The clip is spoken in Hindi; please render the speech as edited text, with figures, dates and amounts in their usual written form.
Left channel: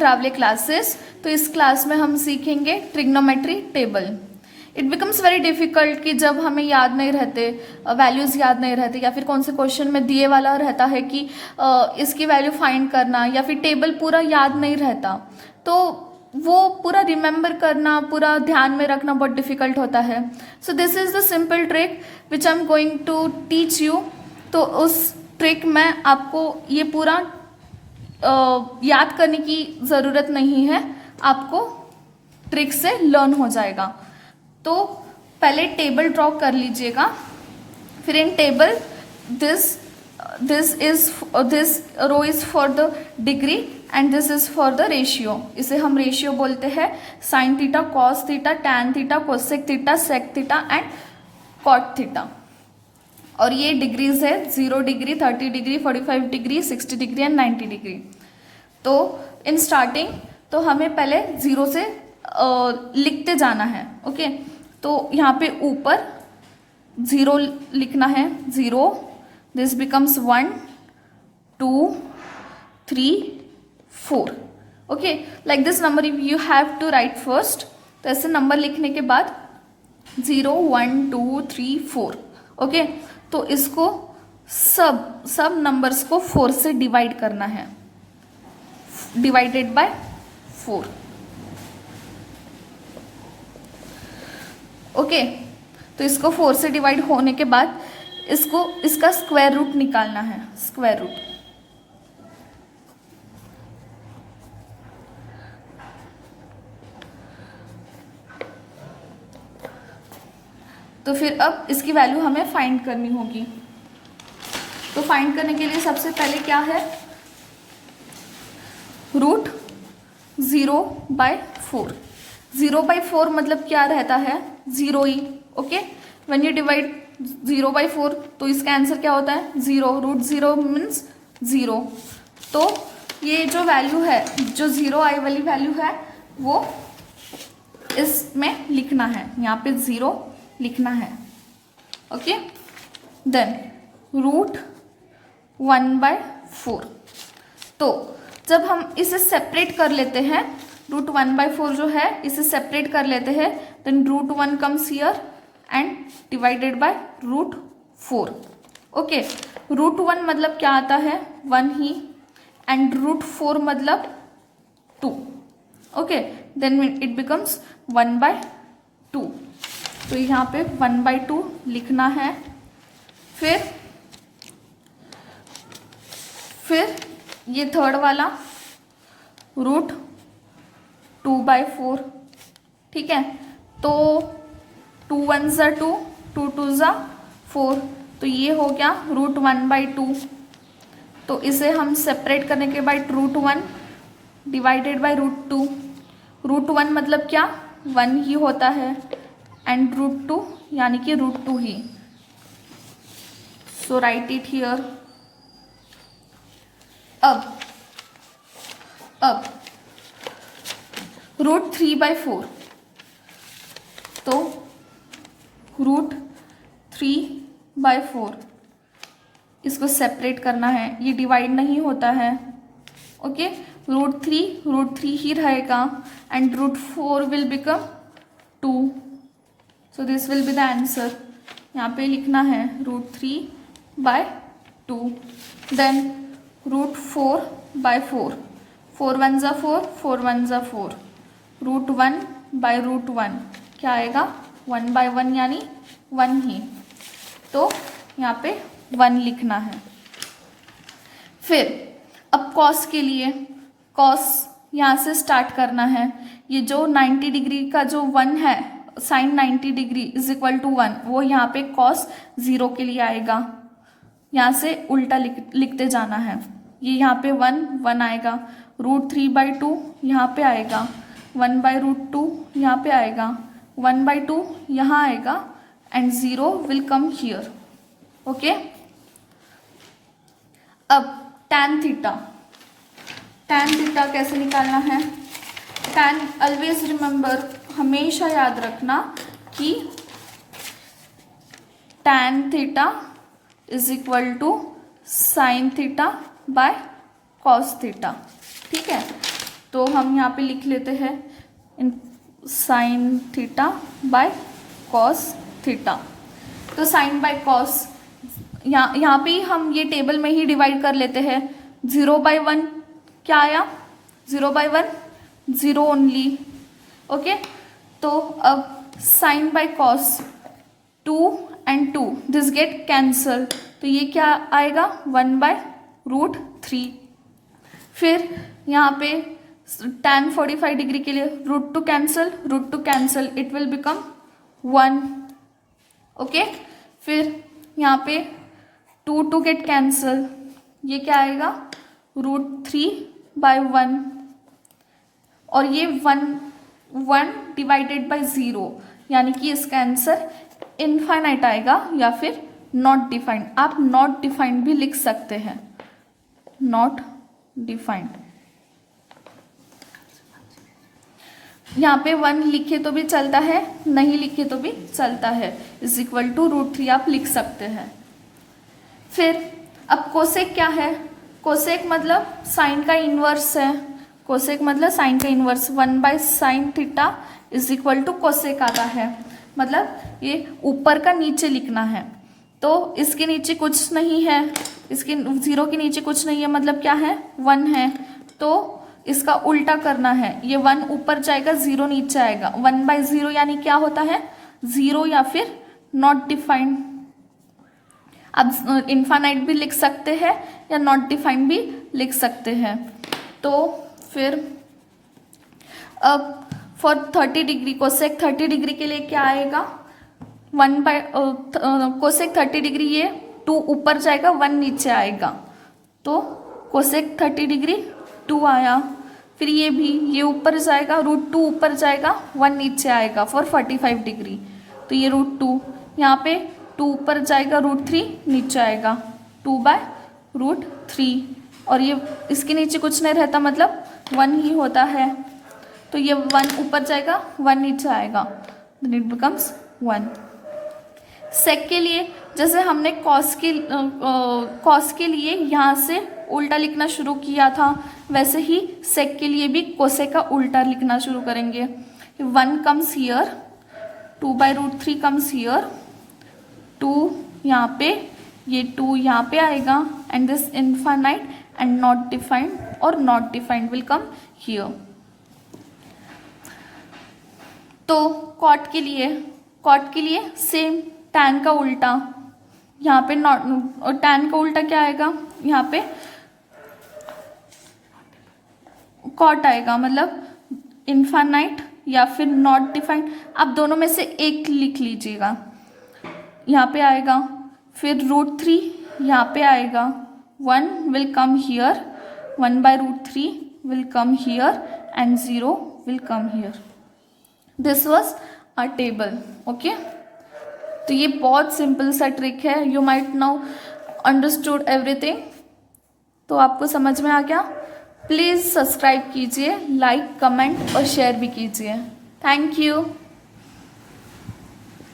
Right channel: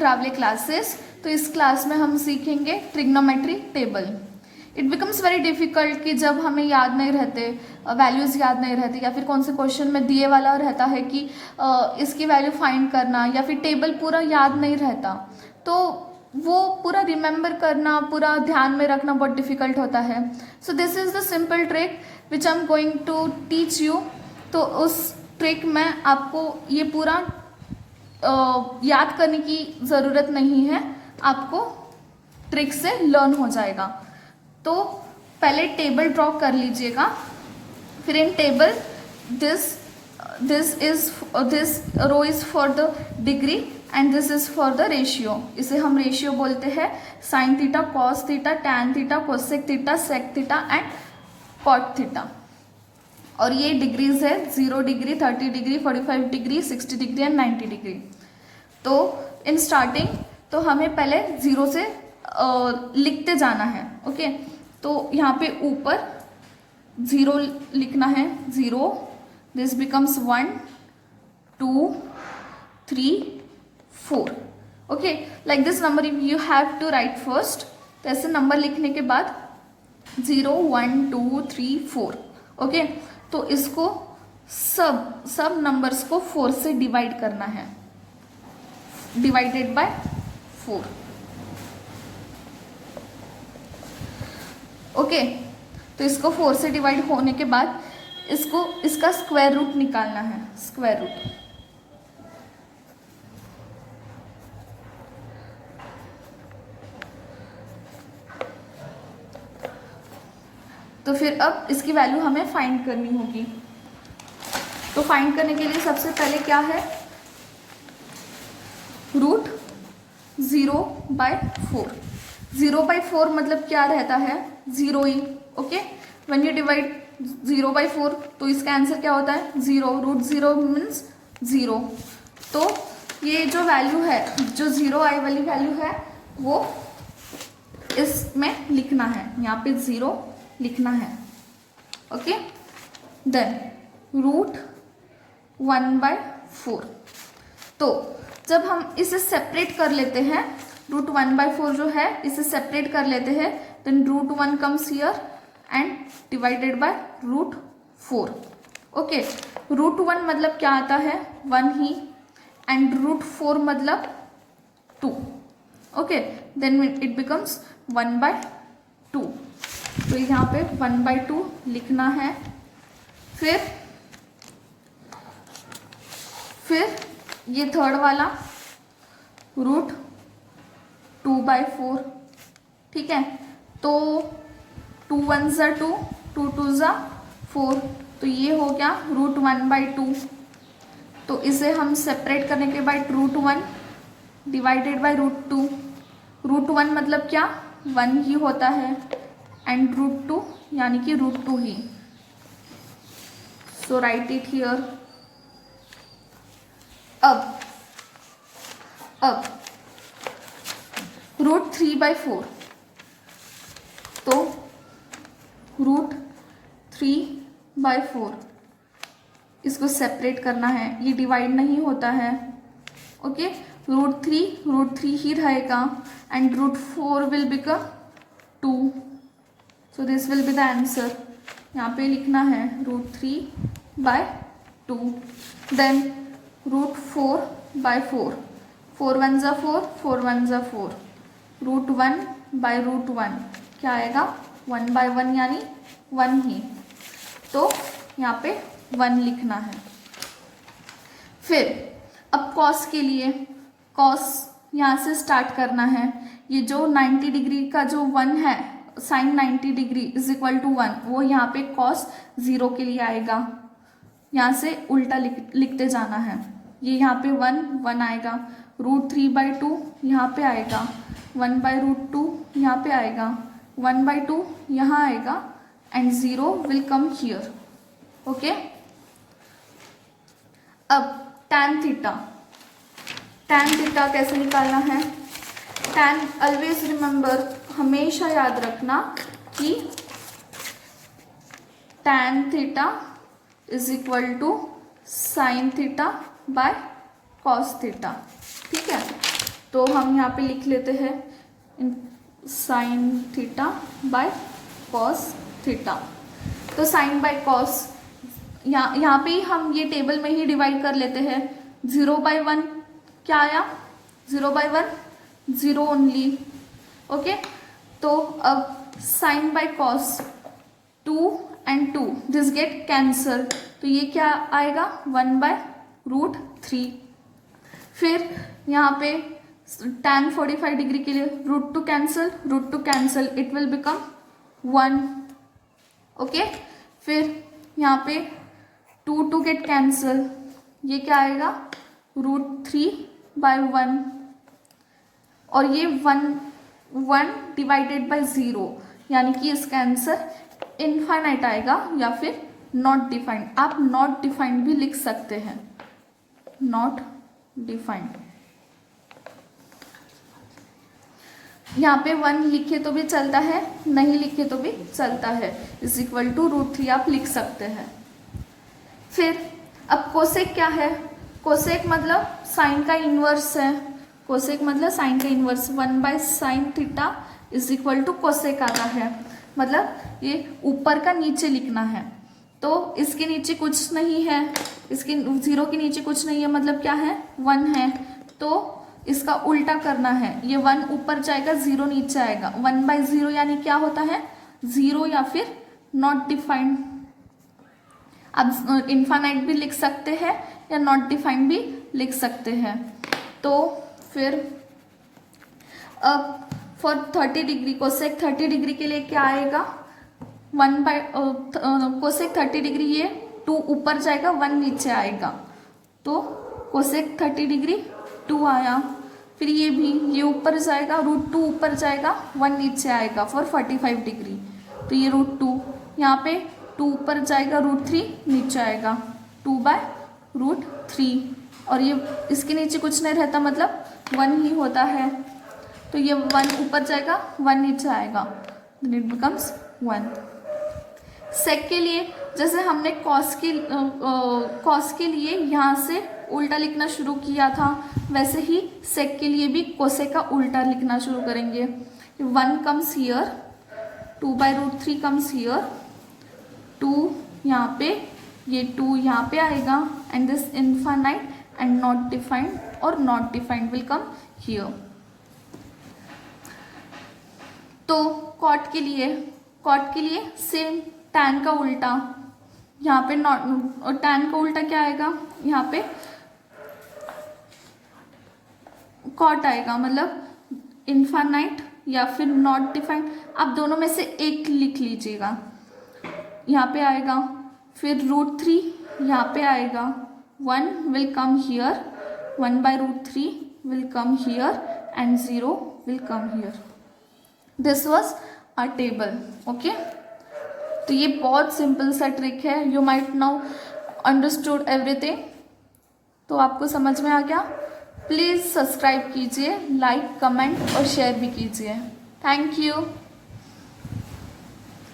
रावले क्लासेस। तो इस क्लास में हम सीखेंगे trigonometry table. It becomes very difficult कि जब हमें याद नहीं रहते, वैल्यूज़ याद नहीं रहते, या फिर कौन से क्वेश्चन में दिए वाला रहता है कि इसकी वैल्यू फाइंड करना, या फिर टेबल पूरा याद नहीं रहता, तो वो पूरा रिमेंबर करना, पूरा ध्यान में रखना बहुत डिफिकल्ट होता है। So this is the simple trick which I am going to teach you. तो उस ट्रिक में आपको ये पूरा याद करने की ज़रूरत नहीं है, आपको ट्रिक से लर्न हो जाएगा। तो पहले टेबल ड्रॉ कर लीजिएगा। फिर इन table this row is for the degree and this is for the ratio. इसे हम रेशियो बोलते हैं। Sine theta, cos theta, tan theta, cosec theta, sec theta and cot theta. और ये डिग्रीज है 0 degree, 30 degree, 45 degree, 60 degree and 90 degree. तो इन स्टार्टिंग तो हमें पहले 0 से लिखते जाना है। ओके, तो यहाँ पे ऊपर 0 लिखना है। 0, this becomes 1, 2, 3, 4। Okay, like this number you have to write first. तो ऐसे नंबर लिखने के बाद 0, 1, 2, 3, 4। ओके, तो इसको सब नंबर्स को 4 से डिवाइड करना है, डिवाइडेड बाय 4। ओके, तो इसको 4 से डिवाइड होने के बाद इसका स्क्वायर रूट निकालना है। स्क्वायर रूट तो फिर अब इसकी वैल्यू हमें फाइंड करनी होगी। तो फाइंड करने के लिए सबसे पहले क्या है, रूट 0/4। 0/4 मतलब क्या रहता है, 0 ही। ओके, व्हेन यू डिवाइड 0/4 तो इसका आंसर क्या होता है, 0। Root 0 means 0। तो ये जो वैल्यू है, जो 0 आई वाली वैल्यू है, वो इसमें लिखना है। यहाँ पे 0 लिखना है। Okay, then root 1/4। तो जब हम इसे सेपरेट कर लेते हैं, रूट 1/4 जो है इसे सेपरेट कर लेते हैं, then root 1 comes here and divided by root 4। Okay, root 1 मतलब क्या आता है, 1 ही, एंड रूट 4 मतलब 2। Okay, then it becomes 1/2। तो यहाँ पे 1/2 लिखना है। फिर ये थर्ड वाला रूट 2/4। ठीक है, तो 2 1 ज़ा 2, 2 2 ज़ा 4, तो ये हो गया रूट 1/2। तो इसे हम सेपरेट करने के बाद root 1 divided by root 2। Root 1 मतलब क्या, 1 ही होता है, एंड रूट 2 यानी कि रूट 2 ही। So write it here. अब रूट 3/4, तो रूट 3/4 इसको सेपरेट करना है, ये डिवाइड नहीं होता है। ओके, रूट 3 ही रहेगा, and root 4 will become 2। So this will be the answer. यहाँ पे लिखना है रूट 3/2। देन रूट 4/4, 4 1 ज़ा 4, 4 1 ज़ा 4, रूट 1/√1 क्या आएगा, 1/1 यानी 1 ही। तो यहाँ पे 1 लिखना है। फिर अब कॉस के लिए, कॉस यहाँ से स्टार्ट करना है। ये जो 90 डिग्री का जो 1 है, sine 90 degree is equal to 1, वो यहाँ पे कॉस 0 के लिए आएगा। यहाँ से उल्टा लिखते जाना है। ये यहाँ पे 1 आएगा, रूट 3/2 यहाँ पे आएगा, 1/√2 यहाँ पे आएगा, 1/2 यहाँ आएगा, and 0 will come here. Okay, अब टैन थीटा कैसे निकालना है। टैन ऑलवेज रिमेंबर, हमेशा याद रखना कि tan theta is equal to sine theta by cos theta. ठीक है, तो हम यहाँ पे लिख लेते हैं sine theta by cos theta. तो साइन बाय कॉस यहाँ पे हम ये टेबल में ही डिवाइड कर लेते हैं। 0/1 क्या आया? 0/1 0 ओनली। ओके, तो अब sine by cos 2 and 2 this get cancel, तो ये क्या आएगा? 1/√3। फिर यहाँ पे tan 45 डिग्री के लिए √2 cancel, it will become 1। Okay, फिर यहाँ पे 2 गेट कैंसल, ये क्या आएगा? √3/1, और ये 1 डिवाइडेड बाय 0, यानी कि इसका आंसर इनफाइनाइट आएगा या फिर नॉट डिफाइंड। आप नॉट डिफाइंड भी लिख सकते हैं, नॉट डिफाइंड। यहाँ पे 1 लिखे तो भी चलता है, नहीं लिखे तो भी चलता है, =√3 आप लिख सकते हैं। फिर अब कोसेक क्या है? कोसेक मतलब साइन का इनवर्स है। कोसेक मतलब साइन का इनवर्स, 1/sin थीटा कोसेक आता है। मतलब ये ऊपर का नीचे लिखना है, तो इसके नीचे कुछ नहीं है, इसके 0 के नीचे कुछ नहीं है, मतलब क्या है? 1 है, तो इसका उल्टा करना है। ये 1 ऊपर जाएगा, 0 नीचे आएगा। 1/0 यानी क्या होता है? 0 या फिर नॉट डिफाइंड। अब इनफाइनाइट भी लिख सकते हैं या नॉट डिफाइंड भी लिख सकते हैं। तो फिर अब फॉर 30 डिग्री कोसेक 30 डिग्री के लिए क्या आएगा? कोसेक 30 डिग्री, ये 2 ऊपर जाएगा, 1 नीचे आएगा, तो कोसेक 30 डिग्री 2 आया। फिर ये भी, ये ऊपर जाएगा, √2 ऊपर जाएगा, 1 नीचे आएगा फॉर 45 डिग्री, तो ये √2। यहाँ पे 2 ऊपर जाएगा, √3 नीचे आएगा, 2/√3, और ये इसके नीचे कुछ नहीं रहता, मतलब 1 ही होता है, तो ये 1 ऊपर जाएगा, 1 नीचे आएगा, इट बिकम्स 1। सेक के लिए जैसे हमने कॉस के लिए यहाँ से उल्टा लिखना शुरू किया था, वैसे ही सेक के लिए भी कोसेक का उल्टा लिखना शुरू करेंगे। 1 कम्स हियर, 2/√3 कम्स हियर, 2 यहाँ पे, ये 2 यहाँ पे आएगा, and this infinite and not defined और not defined will come here. तो कॉट के लिए सेम टैन का उल्टा, यहाँ पे नॉट, टैन का उल्टा क्या आएगा? यहाँ पे कॉट आएगा, मतलब इनफाइनाइट या फिर नॉट डिफाइंड, आप दोनों में से एक लिख लीजिएगा। यहाँ पे आएगा, फिर √3 यहाँ पे आएगा, 1 will come here, 1/√3 will come here and 0 will come here. This was a table. Okay, तो ये बहुत सिंपल सा ट्रिक है। You might now understood everything. तो आपको समझ में आ गया? प्लीज़ सब्सक्राइब कीजिए, लाइक, कमेंट और शेयर भी कीजिए। Thank you.